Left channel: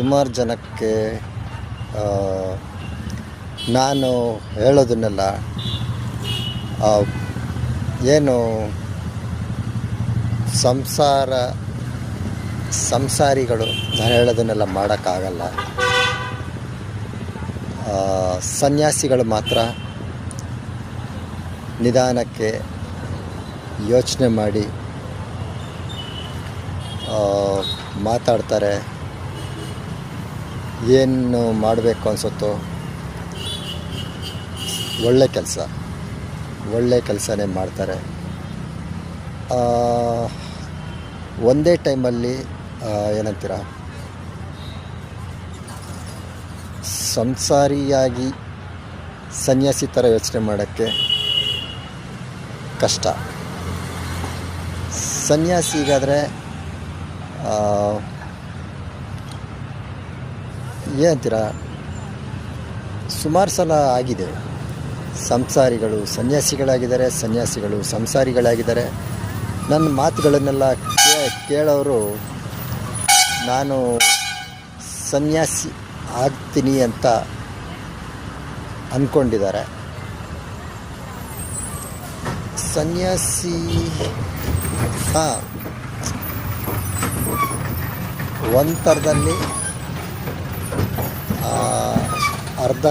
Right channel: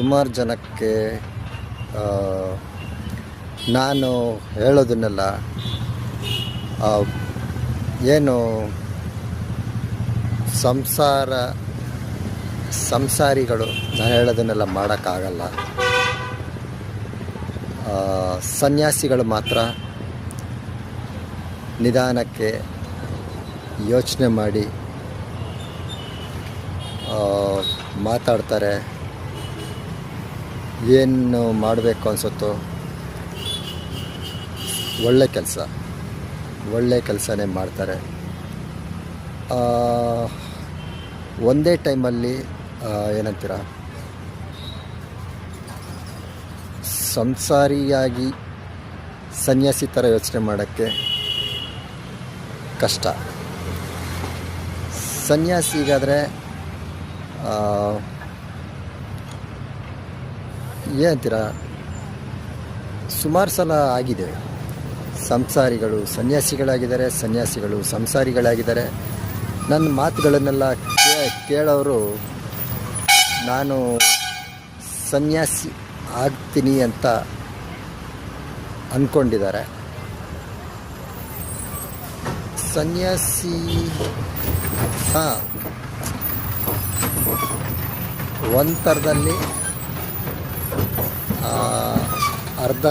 ಸುಮಾರು ಜನಕ್ಕೆ ನಾನು ಹೇಳೋದನ್ನೆಲ್ಲ ಏನು ಸಂಸಾರಿಗಳು ನಾನು ಹೇಳೋದನ್ನೆಲ್ಲ ಮಾಡೋಕ್ಕಾಗಲ್ಲ. ಸನ್ಯಾಸಿಗಳು ಮಾತ್ರ ನಿಧಾನಕ್ಕೆ ಯೋಚನೆ ಮಾಡಿ ಮಾತಾಡ್ತಾರೆ. ಏನು ಮಾಡಬೇಕು ಅನಿಸುತ್ತೋ ಒಳ್ಳೆ ಕೆಲಸನೇ ಮಾಡ್ತಾರೆ. ಒಂದೇ ಟೈಮಲ್ಲಿ ಏನಂತೀರ, ಸಂಸಾರಿಯಾಗಿ ಸನ್ಯಾಸಿ ಥರ ಯೋಚನೆ ಮಾಡೋಕ್ಕೆ ಕಷ್ಟ. ಸನ್ಯಾಸಿಗಾದರೆ ಏನಂತೀರ, ಸುಮಾರು ಸಲ ಆಗಿದೆ. ಸಂಸಾರಿಗಳು ಸನ್ಯಾಸಿಗಳಾಗಿದ್ದಾರೆ, ಸನ್ಯಾಸಿಗಳು ಸಂಸಾರಿಗಳಾಗಿದ್ದಾರೆ. ನನ್ನ ಮಾತುಗಳನ್ನೆಲ್ಲ ಕೇಳೋರು ನಾನು ಸನ್ಯಾಸಿ ಆಗ್ತೀನಿ ಅಂತ ಅಂದ್ಕೊಂಡಿದ್ದಾರೆ. ಸನ್ಯಾಸಿ ಒಂದು ಥರದಲ್ಲಿ ಅರ್ಧ